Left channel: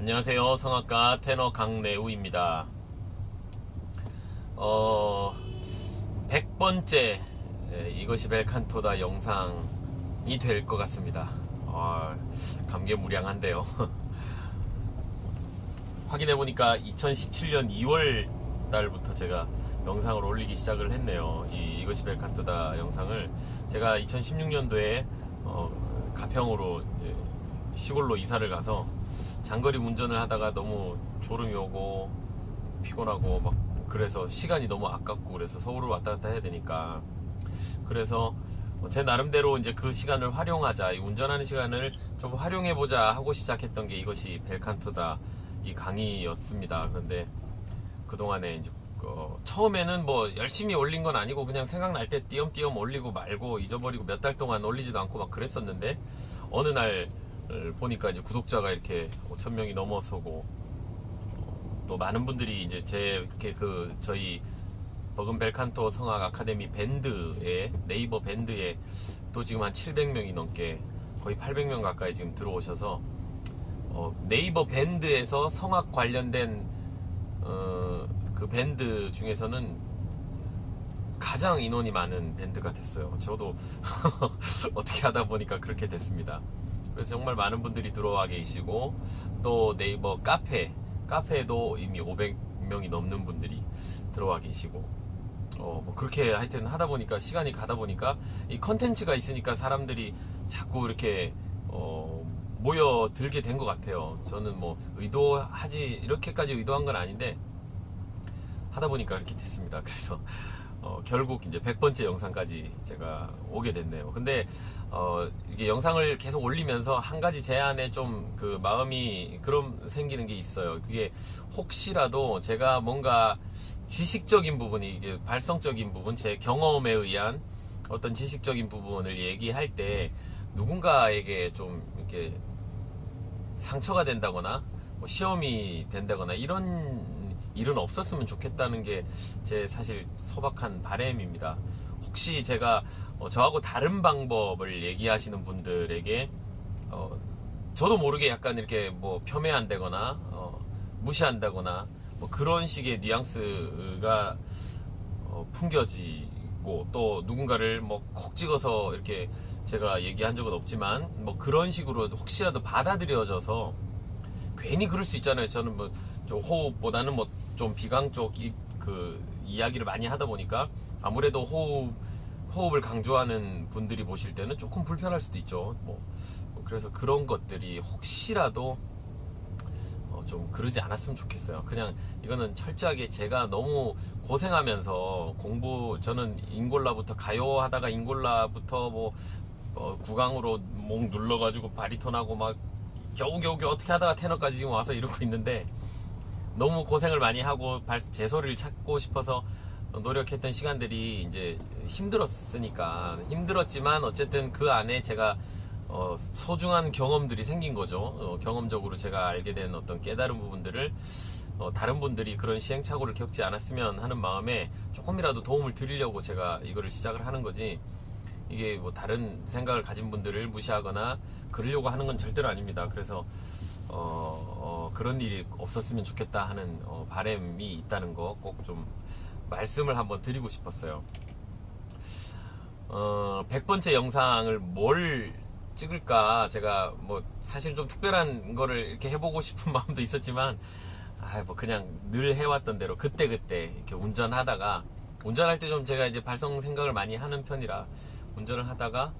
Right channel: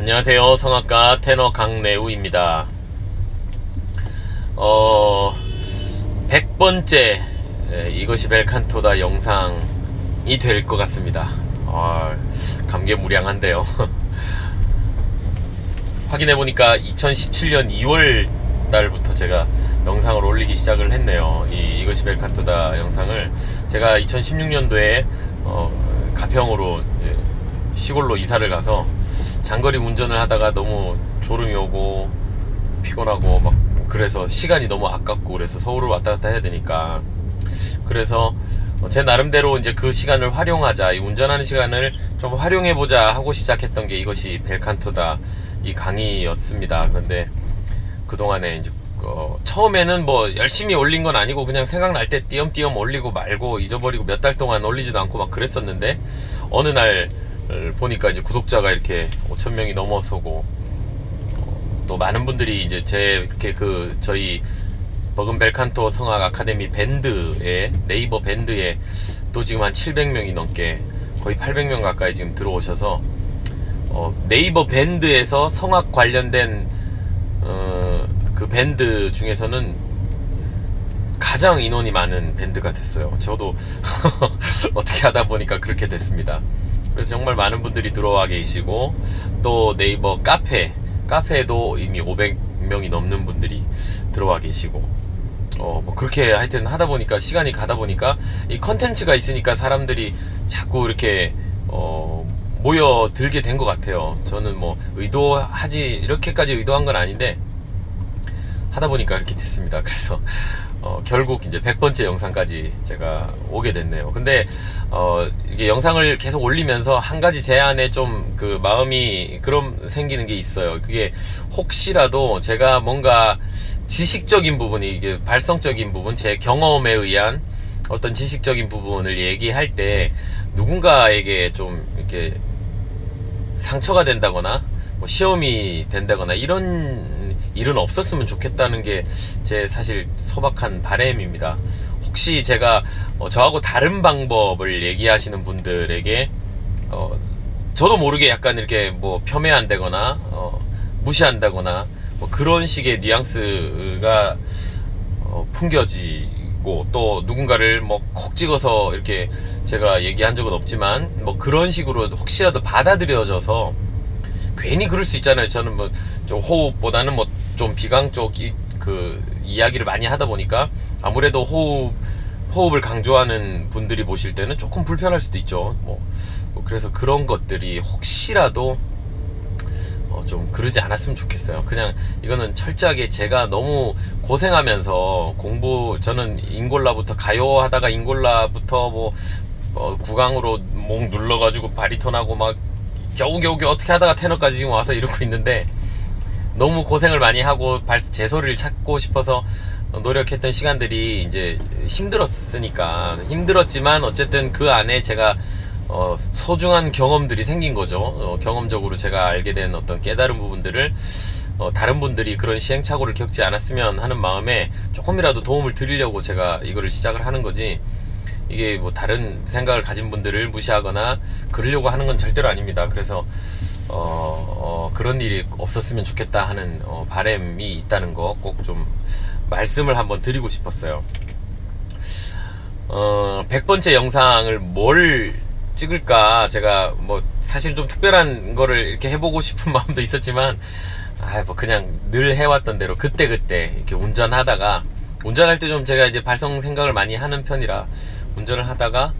안녕하세요. 성악가 테너 강내우입니다. 100번째 이것이 벨칸토다 영상이 될 것 같습니다. 감개무량한데요. 확인해보니까 2017년 2월 달부터 제가 영상을 올리기 시작을 했네요. 이것이 벨칸토다 영상을 제가 2016년도에 가평으로 시골로 이사를 가서 장거리 운전을 하다가 너무 졸음이 오고 피곤하고 막 그래서 시간이 너무 아깝고 그래서 서울을 왔다 갔다 해야 되니까 그래서 제 나름대로 이제 그 시간을 활용하자, 이 운전하는 시간을 좀 활용해보자 하고 시작했던 게 이것이 벨칸토다 이 강의였습니다. 그런데 그동안에 이제 처음에는 뭐 열심히 올린 건 아니고 그냥 생각날 때 띄엄띄엄 올리고 말고 잊어버리고 몇 달 동안 올리지도 않고 막 그랬었는데 어느 날 보니까 이제 구독자가 이렇게 5,000명이 넘어서고 또 많은 분들이 이제 저희 버금벨칸토 성악 아카데미 밴드에, 네이버 밴드에 또 지금 한 700명이 넘게 거의 800명 가까이 지금 들어오셔서 네이버 밴드에서 성악 관련된 그 밴드 중에서는 가장 인원이 많은 밴드가 됐어요. 저도 어떻게 하다 보니까 그렇게 됐습니다. 그래서 정말 많은 분들이 들어와 계시고 또 네이버 카페에도 이미 500명이 넘는 분들이 들어와 계시고 뭐 그렇게 하여튼 하다 보니까 시간이 가다 보니까 이 컨텐츠가 있으니까 사람들이 자꾸 이렇게 모여들게 된 것 같아요. 저는 뭐 이렇게까지 의도한 건 아닌데 하다 보니까 이렇게 됐습니다. 그래서 결국 이제 100번째 영상까지 제가 오게 됐네요. 근데 이게 영상을 계속 올리면서 한 가지 제 안에 좀 그 마음이 생기는 게 있어요. 그게 혹시라도 제가 뭔가 지식적인 부분이, 이게 발성적인 부분, 제 경험에 의한 어떤 지식적인 부분을 얘기할 때 누군가에게 좀 이렇게 상처가 된다거나 뭐 시험이 된다거나 이런 일은 없었으면 좋겠다는 게 제 사실 소박한 바람입니다. 혹시 제가 저하고 다른 방법을 얘기하시는 분들에게 저도 모르게 약간 이렇게 뭐 폄훼한다거나 무시한다거나 뭐 그런 식의 뉘앙스가 풍겨지고 또 누군가를 뭐 콕 찍어서 이렇게 제가 얘기한 적은 없지만 뭐 그런 식으로 혹시라도 받아들여져서 괜히 그럴 수 있잖아요. 저는 뭐 좀 호흡보다는 뭐 좀 비강 쪽 그 이야기를 많이 하다 보니까 아무래도 호흡을 강조하는 분들이 보실 때는 조금 불편할 수도 있죠. 뭐 그래서 그런 것들이 혹시라도 좀 그러지 않았으면 좋겠어요. 그냥 이거는 철저하게 제가 너무 고생하면서 저는 인골라부터 가요 하다가 인골라부터 뭐 구강으로 목 눌러가지고 바리톤하고 막 겨우겨우 어떻게 하다가 테너까지 지금 와서 이러고 있는데 너무 고생을 많이 하고 제 소리를 찾고 싶어서 노력했던 시간들이 이제 힘들었지만 어쨌든 그 안에 제가 소중한 경험들이 생긴 거죠. 경험적으로 제가 알게 된 어떤 깨달은 부분들을 다른 분들이 그런 시행착오를 겪지 않았으면 하는 마음에 조금이라도 도움을 드리려고 제가 이거를 시작을 하는 거지, 이게 뭐 다른 생각을 가진 분들을 무시하거나 그러려고 하는 건 절대로 아닙니다. 그래서 그런 일이 없었으면 좋겠다 하는 바람이 있다는 거 꼭 좀 말씀을 한번 드리고 싶었어요. 100번째 영상을 뭘 찍을까, 제가 뭐 사실 좀 특별한 거를 이렇게 해보고 싶은 마음도 있었지만 뭐 그냥 늘 해왔던 대로 그때그때 이렇게 운전할 때 좀 제가 이제 발성 생각을 많이 하는 편이라 운전을 하다가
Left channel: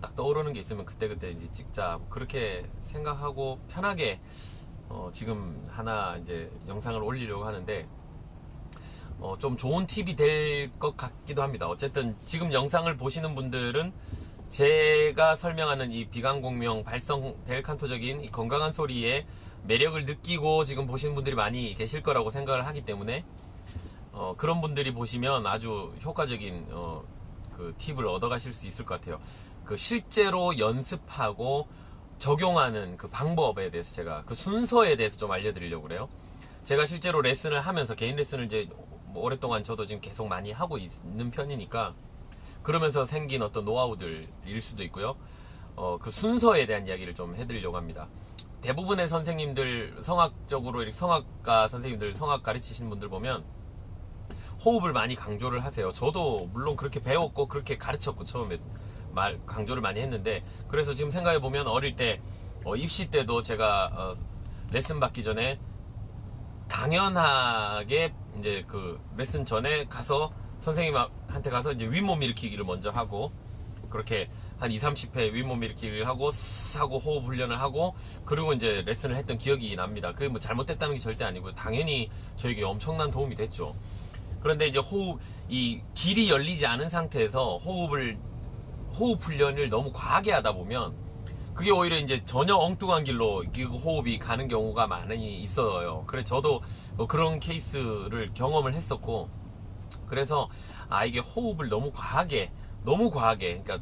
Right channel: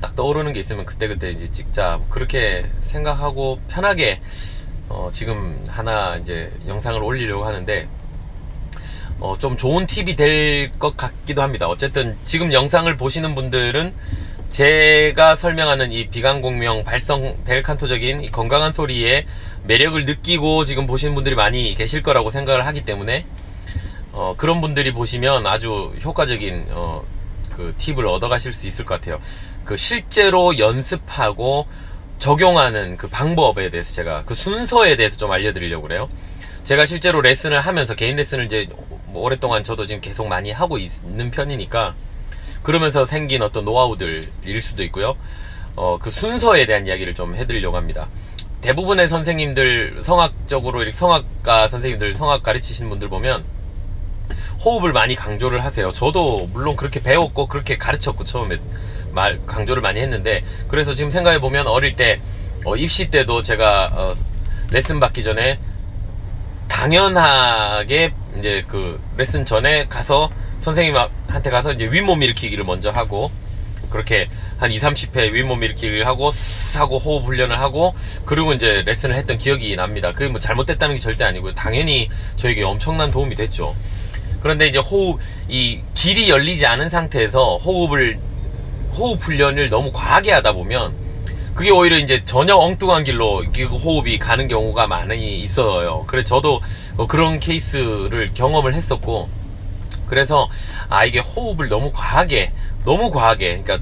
딱 떠오르는 게 있으면 그때그때 이제 찍자, 그렇게 생각하고 편하게 지금 하나 이제 영상을 올리려고 하는데 좀 좋은 팁이 될 것 같기도 합니다. 어쨌든 지금 영상을 보시는 분들은 제가 설명하는 이 비강공명 발성 벨칸토적인 이 건강한 소리의 매력을 느끼고 지금 보시는 분들이 많이 계실 거라고 생각을 하기 때문에 그런 분들이 보시면 아주 효과적인 그 팁을 얻어 가실 수 있을 것 같아요. 그 실제로 연습하고 적용하는 그 방법에 대해서 제가 그 순서에 대해서 좀 알려드리려고 그래요. 제가 실제로 레슨을 하면서 개인 레슨을 이제 뭐 오랫동안 저도 지금 계속 많이 하고 있는 편이니까 그러면서 생긴 어떤 노하우들일 수도 있고요. 그 순서에 대한 이야기를 좀 해드리려고 합니다. 대부분의 선생님들, 성악적으로 이렇게 성악가 선생님들, 성악 가르치시는 분들 보면 호흡을 많이 강조를 하세요. 저도 물론 그렇게 배웠고 그렇게 가르쳤고 처음에 강조를 많이 했는데, 그래서 지금 생각해보면 어릴 때 입시 때도 제가 레슨 받기 전에 당연하게 이제 그 레슨 전에 가서 선생님한테 가서 이제 윗몸 일으키기를 먼저 하고, 그렇게 한 2, 30회 윗몸 일으키기를 하고 스 하고 호흡 훈련을 하고, 그리고 이제 레슨을 했던 기억이 납니다. 그게 뭐 잘못됐다는 게 절대 아니고요. 당연히 저에게 엄청난 도움이 됐죠. 그런데 이제 이 길이 열리지 않은 상태에서 호흡 훈련을 너무 과하게 하다 보면 그게 오히려 이제 전혀 엉뚱한 길로 호흡이 가는 경우가 많이 있어요. 그래서 저도 그런 케이스를 경험을 했었고, 그래서 이게 호흡을 너무 과하게, 그러니까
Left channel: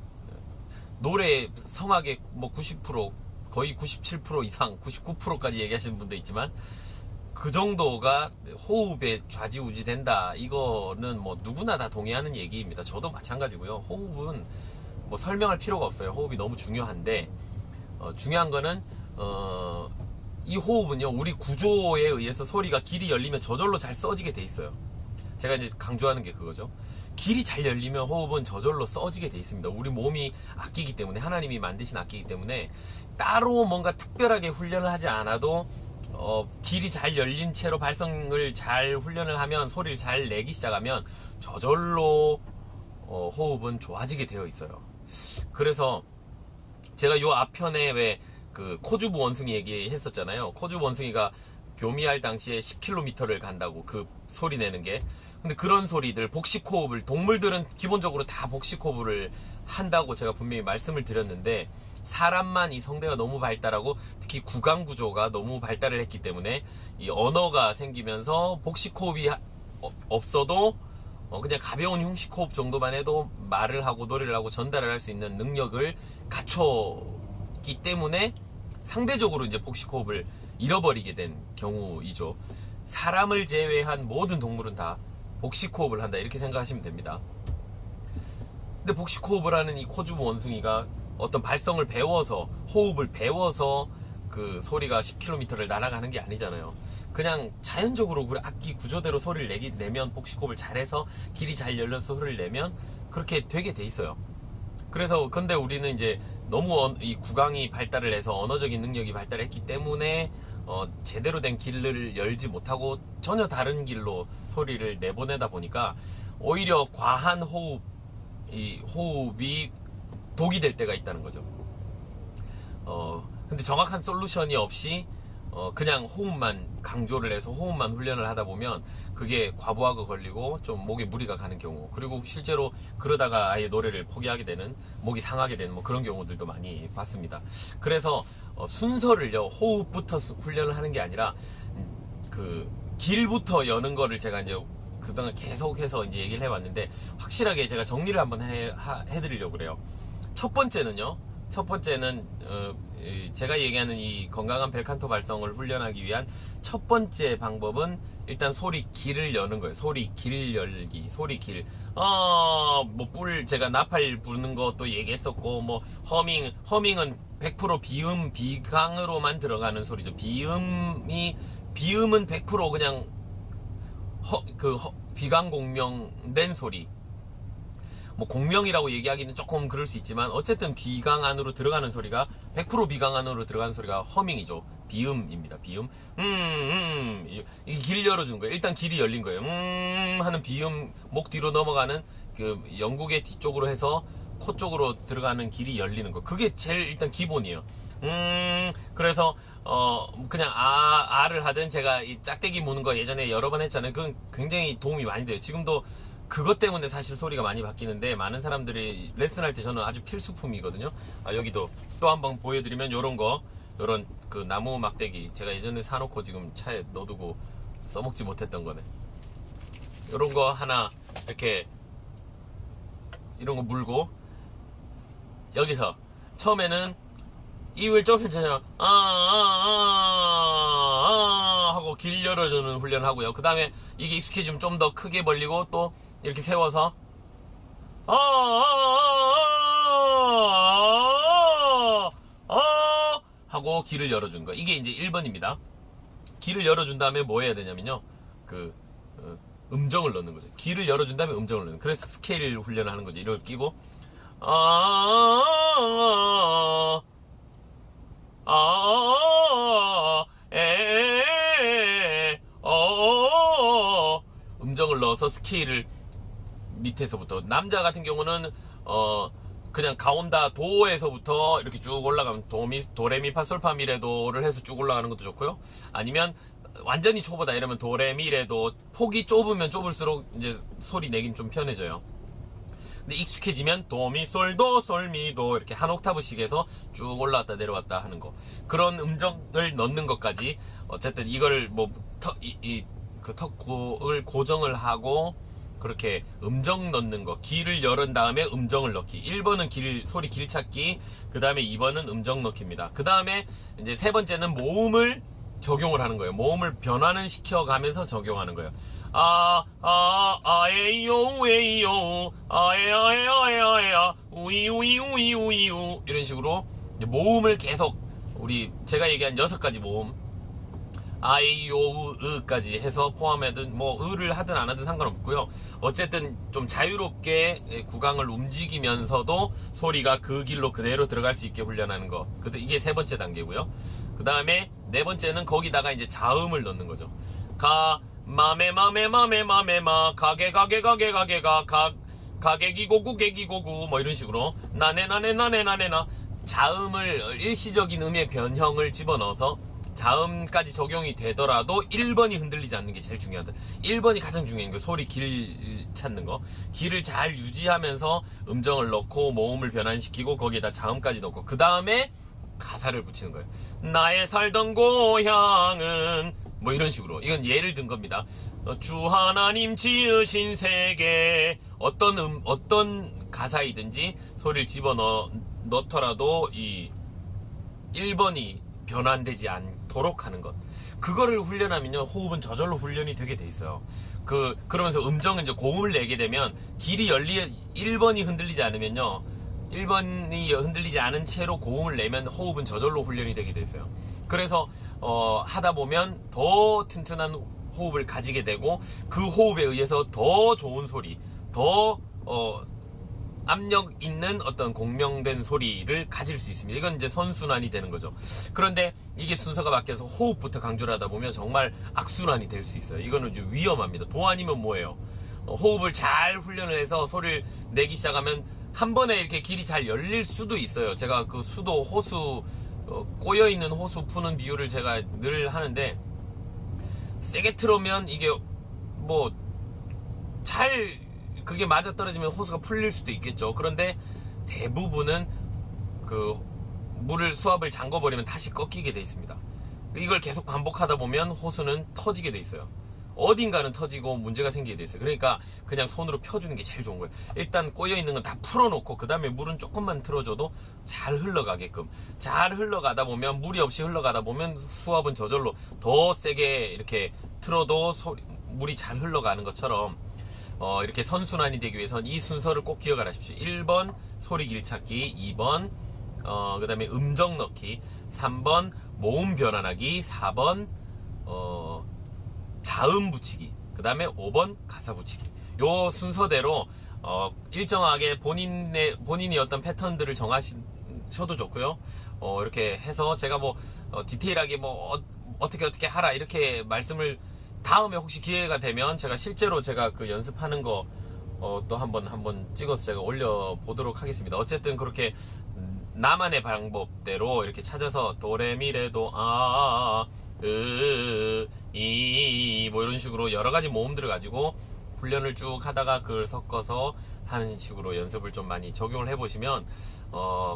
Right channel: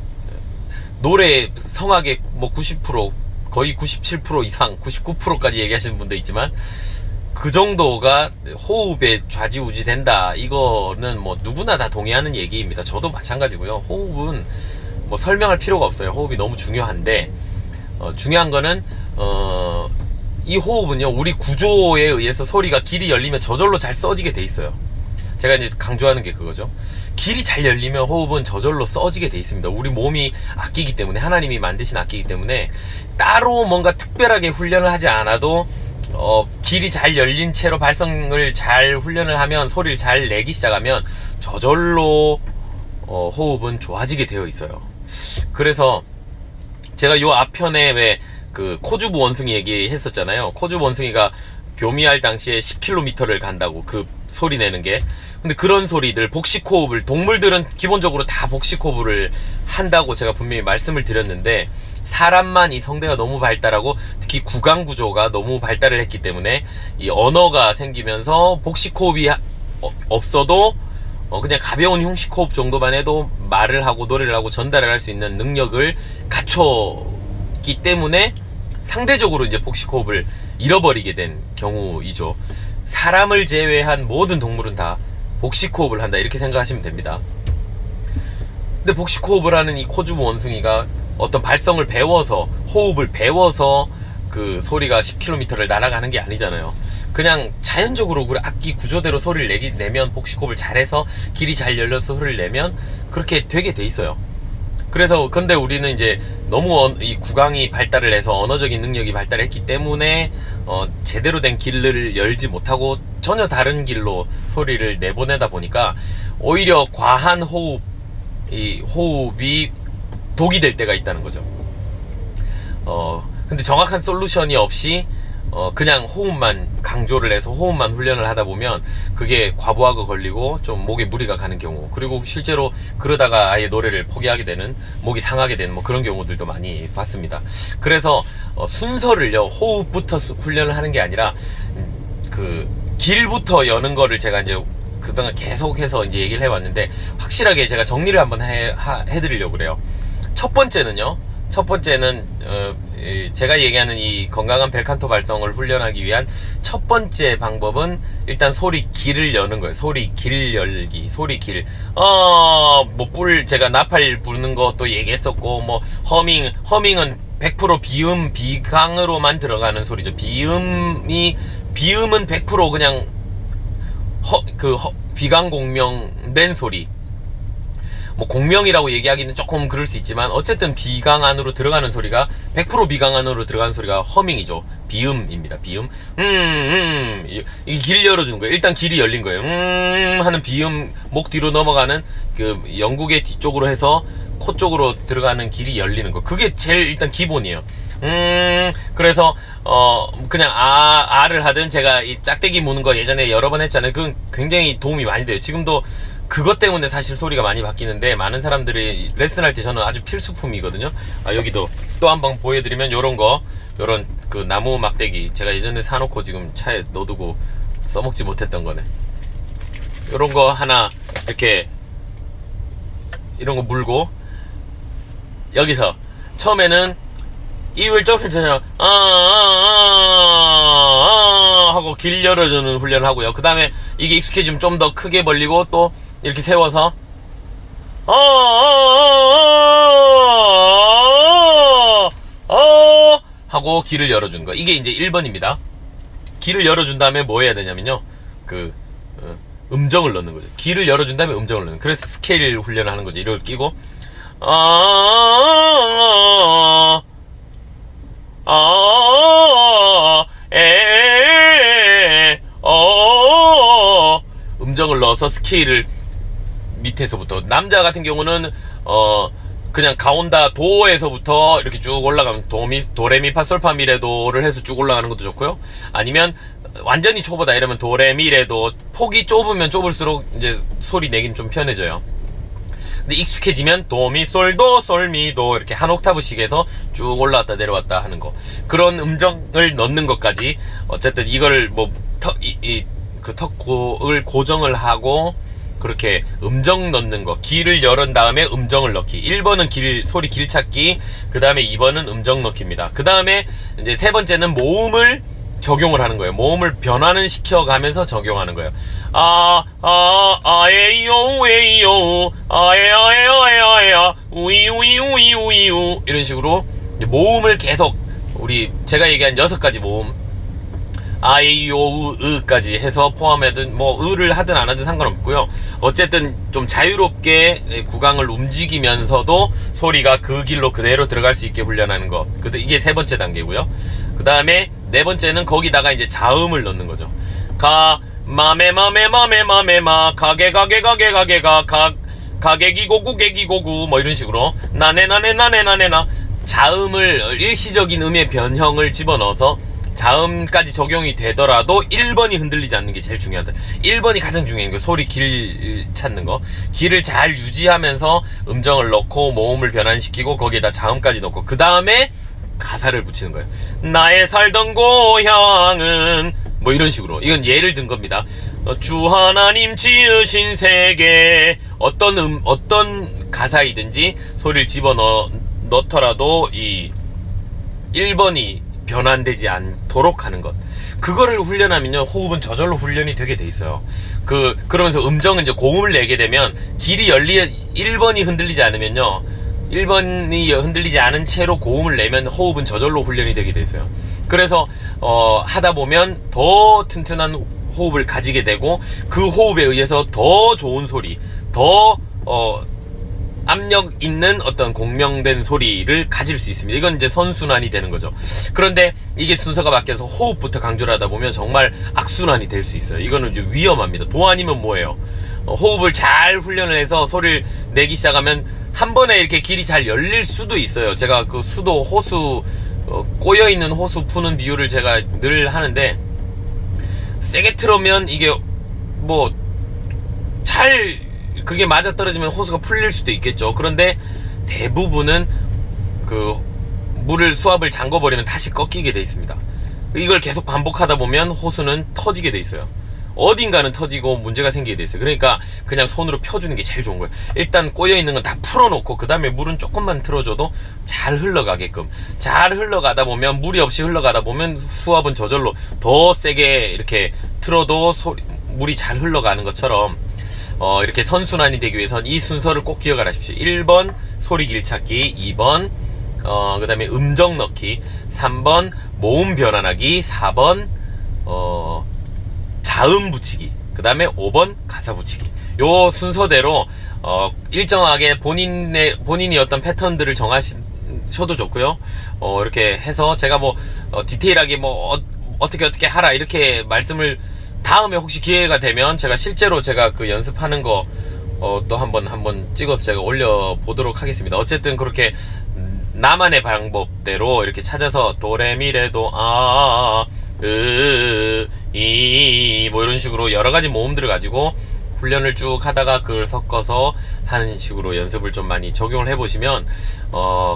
노래 성악의 뭐 90%, 거의 97% 이상, 99%까지 얘기하시는 분도 있지만, 그 정도가 호흡에 좌지우지 된다, 이거는 뭐 누구나 다 동의하는 얘기입니다. 저도 마찬가지고요. 호흡은 뭐 설명할 필요가 없어요. 호흡이 너무 중요한데, 중요한 거는 이 호흡은요, 우리 구조에 의해서 소리가 길이 열리면 저절로 잘 써지게 돼 있어요. 제가 이제 강조하는 게 그거죠. 길이 잘 열리면 호흡은 저절로 써지게 돼 있습니다. 우리 몸이 악기이기 때문에, 하나님이 만드신 악기이기 때문에 따로 뭔가 특별하게 훈련을 하지 않아도 길이 잘 열린 채로 발성을 잘 훈련을 하면, 소리를 잘 내기 시작하면 저절로 호흡은 좋아지게 되어 있어요. 그래서 제가 요 앞편에 왜 그 코주부 원숭이 얘기했었잖아요. 코주부 원숭이가 교미할 당시에 10km를 간다고, 그 소리 내는 게. 근데 그런 소리들, 복식호흡을, 동물들은 기본적으로 다 복식호흡을 한다고 제가 분명히 말씀을 드렸는데, 사람만 이 성대가 너무 발달하고 특히 구강 구조가 너무 발달을 했기 때문에 이 언어가 생기면서 복식호흡이 없어도 그냥 가벼운 흉식호흡 정도만 해도 말을 하고 노래를 하고 전달을 할 수 있는 능력을 갖췄기 때문에 상대적으로 이제 복식호흡을 잃어버리게 된 경우이죠. 사람을 제외한 모든 동물은 다 복식호흡을 한다, 이렇게 생각하시면 됩니다. 근데 복식호흡을 하는 이 코주부 원숭이가 어떤 발성을 배워서, 호흡을 배워서 그 소리가 10km를 날아가는 게 아니잖아요. 그냥 자연적으로 우리 악기 구조대로 소리를 내면, 복식호흡을 잘해서 길이 잘 열려서 소리를 내면 그렇게 되게 돼 있어요. 그래서 근데 우리는 이제 너무 이 구강이 발달을 해서 언어적인 능력이 발달했기 때문에 제대로 된 길을 열지 못하고 전혀 다른 길로 소리를 내보내다 보니까 오히려 과한 호흡이 독이 될 때가 있다는 거죠. 근데 정확한 솔루션이 없이 그냥 호흡만 강조를 해서 호흡만 훈련을 하다 보면 그게 과부하가 걸리고 좀 목에 무리가 가는 경우, 그리고 실제로 그러다가 아예 노래를 포기하게 되는, 목이 상하게 되는 뭐 그런 경우들도 많이 봤습니다. 그래서 순서를요, 호흡부터 훈련을 하는 게 아니라 그 길부터 여는 거를 제가 이제 그동안 계속해서 이제 얘기를 해왔는데, 확실하게 제가 정리를 한번 해드리려고 그래요. 첫 번째는 제가 얘기하는 이 건강한 벨칸토 발성을 훈련하기 위한 첫 번째 방법은 일단 소리 길을 여는 거예요. 소리 길 열기, 소리 길. 제가 나팔 부르는 것도 얘기했었고, 뭐 허밍은 100% 비음, 비강으로만 들어가는 소리죠. 비음은 100% 그냥 비강 공명된 소리. 뭐 공명이라고 얘기하기는 조금 그럴 수 있지만 어쨌든 비강 안으로 들어가는 소리가 100% 비강 안으로 들어가는 소리가 허밍이죠. 비음입니다. 비음. 이 길 열어주는 거예요. 일단 길이 열린 거예요. 하는 비음, 목 뒤로 넘어가는 그 영국의 뒤쪽으로 해서 코 쪽으로 들어가는 길이 열리는 거. 그게 제일 일단 기본이에요. 그래서 그냥 아를 하든, 제가 이 짝대기 무는 거 예전에 여러 번 했잖아요. 그건 굉장히 도움이 많이 돼요. 지금도 그것 때문에 사실 소리가 많이 바뀌는데, 많은 사람들이 레슨할 때 저는 아주 필수품이거든요. 여기도 또 한번 보여드리면, 요런 그 나무 막대기, 제가 예전에 사놓고 지금 차에 넣어두고 써먹지 못했던 거네. 요런 거 하나 이렇게, 이런 거 물고, 여기서 처음에는 입을 좁힌 채로 하고 길 열어주는 훈련을 하고요. 그 다음에 이게 익숙해지면 좀 더 크게 벌리고 또 이렇게 세워서 하고 길을 열어준 거. 이게 이제 1번입니다. 길을 열어준 다음에 뭐 해야 되냐면요. 음정을 넣는 거죠. 길을 열어준 다음에 음정을 넣는. 그래서 스케일 훈련을 하는 거죠. 이걸 끼고 음정을 넣어서 스케일을 밑에서부터, 남자 같은 경우는 그냥 가온다 도에서부터 이렇게 쭉 올라가면 도레미파솔파미레도를 해서 쭉 올라가는 것도 좋고요. 아니면 완전히 초보다 이러면 도레미레도, 폭이 좁으면 좁을수록 이제 소리 내긴 좀 편해져요. 근데 익숙해지면 도미솔도 솔미도 이렇게 한 옥타브씩 해서 쭉 올라왔다 내려왔다 하는 거, 그런 음정을 넣는 것까지. 어쨌든 이걸 그 턱을 고정을 하고 그렇게 음정 넣는 거, 길을 열은 다음에 음정을 넣기. 1번은 소리 길 찾기, 그 다음에 2번은 음정 넣기입니다. 그 다음에 이제 세 번째는 모음을 적용을 하는 거예요. 모음을 변화는 시켜가면서 적용하는 거예요. 아에요 에요 아에아에아에아에아 우이우이우이우이우, 이런 식으로 모음을 계속, 제가 얘기한 6가지 모음, 아이오우으까지 해서 포함하든 으를 하든 안 하든 상관없고요. 어쨌든 좀 자유롭게 구강을 움직이면서도 소리가 그 길로 그대로 들어갈 수 있게 훈련하는 것. 이게 세 번째 단계고요. 그 다음에 네 번째는 거기다가 이제 자음을 넣는 거죠. 마메마메마메마메마 가게가게가게가게가 가게기고구게기고구 이런 식으로 나네나네나네나네나, 자음을, 일시적인 음의 변형을 집어넣어서 자음까지 적용이 되더라도 1번이 흔들리지 않는 게 제일 중요하다. 1번이 가장 중요한 거, 소리 길 찾는 거. 길을 잘 유지하면서 음정을 넣고 모음을 변환시키고 거기에다 자음까지 넣고, 그 다음에 가사를 붙이는 거예요. 나의 살던 고향은 이런 식으로. 이건 예를 든 겁니다. 주 하나님 지으신 세계, 어떤 가사이든지 소리를 집어넣더라도 이 1번이 변환되지 않도록 하는 것. 그거를 훈련하면요, 호흡은 저절로 훈련이 되게 돼 있어요. 그러면서 음정은 이제 고음을 내게 되면 1번이 흔들리지 않으면요, 1번이 흔들리지 않은 채로 고음을 내면 호흡은 저절로 훈련이 되게 돼 있어요. 그래서 하다 보면 더 튼튼한 호흡을 가지게 되고, 그 호흡에 의해서 더 좋은 소리, 더 압력 있는 어떤 공명된 소리를 가질 수 있습니다. 이건 이제 선순환이 되는 거죠. 그런데 이게 순서가 바뀌어서 호흡부터 강조를 하다 보면 정말 악순환이 될 수 있어요. 이거는 이제 위험합니다. 도 아니면 뭐예요? 호흡을 잘 훈련을 해서 소리를 내기 시작하면 한 번에 이렇게 길이 잘 열릴 수도 있어요. 제가 그 수도, 호수, 꼬여있는 호수 푸는 비유를 제가 늘 하는데, 세게 틀으면 이게 그게 맞아떨어지면 호수가 풀릴 수도 있겠죠. 그런데 대부분은 수압을 잠궈버리면 다시 꺾이게 돼 있습니다. 이걸 계속 반복하다 보면 호수는 터지게 돼 있어요. 어딘가는 터지고 문제가 생기게 돼 있어요. 그러니까 그냥 손으로 펴주는 게 제일 좋은 거예요. 일단 꼬여있는 건 다 풀어놓고 그 다음에 물은 조금만 틀어줘도 잘 흘러가게끔. 잘 흘러가다 보면, 무리 없이 흘러가다 보면 수압은 저절로 더 세게 이렇게 틀어도 물이 잘 흘러가는 것처럼, 이렇게 선순환이 되기 위해서는 이 순서를 꼭 기억을 하십시오. 1번 소리 길 찾기, 2번 그 다음에 음정 넣기, 3번 모음 변환하기, 4번 자음 붙이기, 그 다음에 5번 가사 붙이기. 요 순서대로 일정하게 본인이 어떤 패턴들을 정하셔도 좋고요. 이렇게 해서 제가 디테일하게 어떻게 하라 이렇게 말씀을, 다음에 혹시 기회가 되면 제가 그 연습하는 거 또 한번 찍어서 제가 올려보도록 하겠습니다. 어쨌든 그렇게 나만의 방법대로 이렇게 찾아서 도레미레도 이런 식으로 여러가지 모음들을 가지고 훈련을 쭉 하다가 그걸 섞어서 하는 식으로 연습을 좀 많이 적용을 해보시면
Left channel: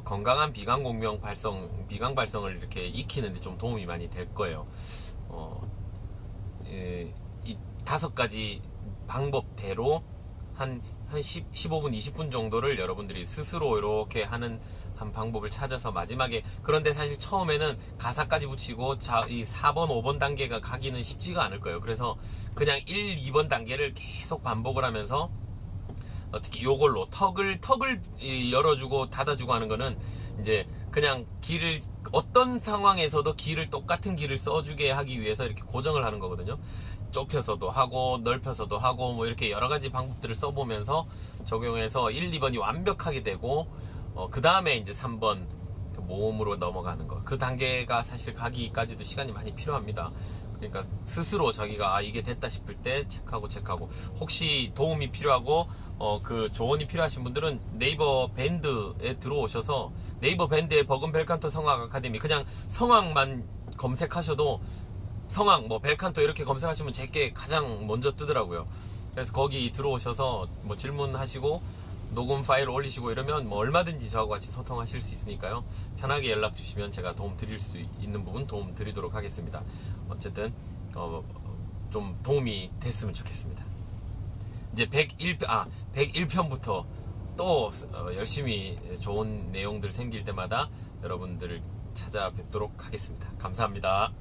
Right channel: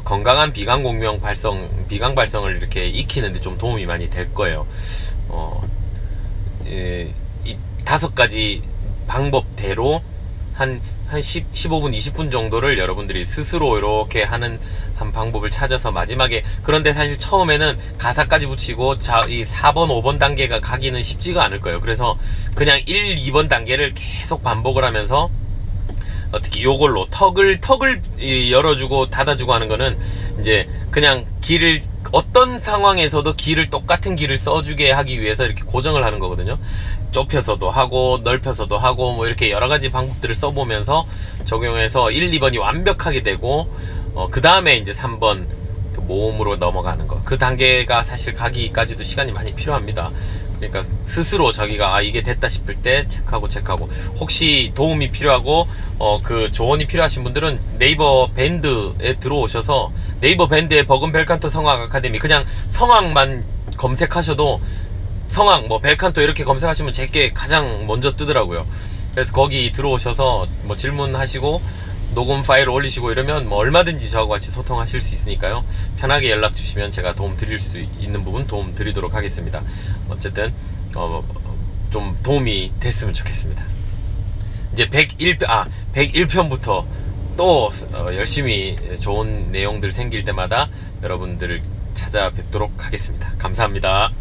건강한 비강 발성을 이렇게 익히는데 좀 도움이 많이 될 거예요. 이 5가지 방법대로 한 15분, 20분 정도를 여러분들이 스스로 이렇게 하는 한 방법을 찾아서 마지막에, 그런데 사실 처음에는 가사까지 붙이고 이 4번, 5번 단계가 가기는 쉽지가 않을 거예요. 그래서 그냥 1, 2번 단계를 계속 반복을 하면서, 특히 요걸로 턱을 열어주고 닫아주고 하는 거는 이제 그냥 길을 어떤 상황에서도 똑같은 길을 써주게 하기 위해서 이렇게 고정을 하는 거거든요. 좁혀서도 하고 넓혀서도 하고 뭐 이렇게 여러 가지 방법들을 써보면서 적용해서 1, 2번이 완벽하게 되고 그 다음에 이제 3번 모음으로 넘어가는 거. 그 단계가 사실 가기까지도 시간이 많이 필요합니다. 그러니까 스스로 자기가 이게 됐다 싶을 때 체크하고 혹시 도움이 필요하고 그 조언이 필요하신 분들은 네이버 밴드에 들어오셔서 네이버 밴드에 버금 벨칸토 성악 아카데미 그냥 성악만 검색하셔도 성악 뭐 벨칸토 이렇게 검색하시면 제게 가장 먼저 뜨더라고요. 그래서 거기 들어오셔서 뭐 질문하시고 녹음 파일을 올리시고 이러면 뭐 얼마든지 저하고 같이 소통하실 수 있으니까요. 편하게 연락 주시면 제가 도움 드릴 수 있는 부분 도움 드리도록 하겠습니다. 어쨌든 좀 도움이 됐으면 좋겠습니다. 이제 101편부터 또 열심히 좋은 내용들 생길 때마다 여러분들을 찾아뵙도록 하겠습니다. 감사합니다.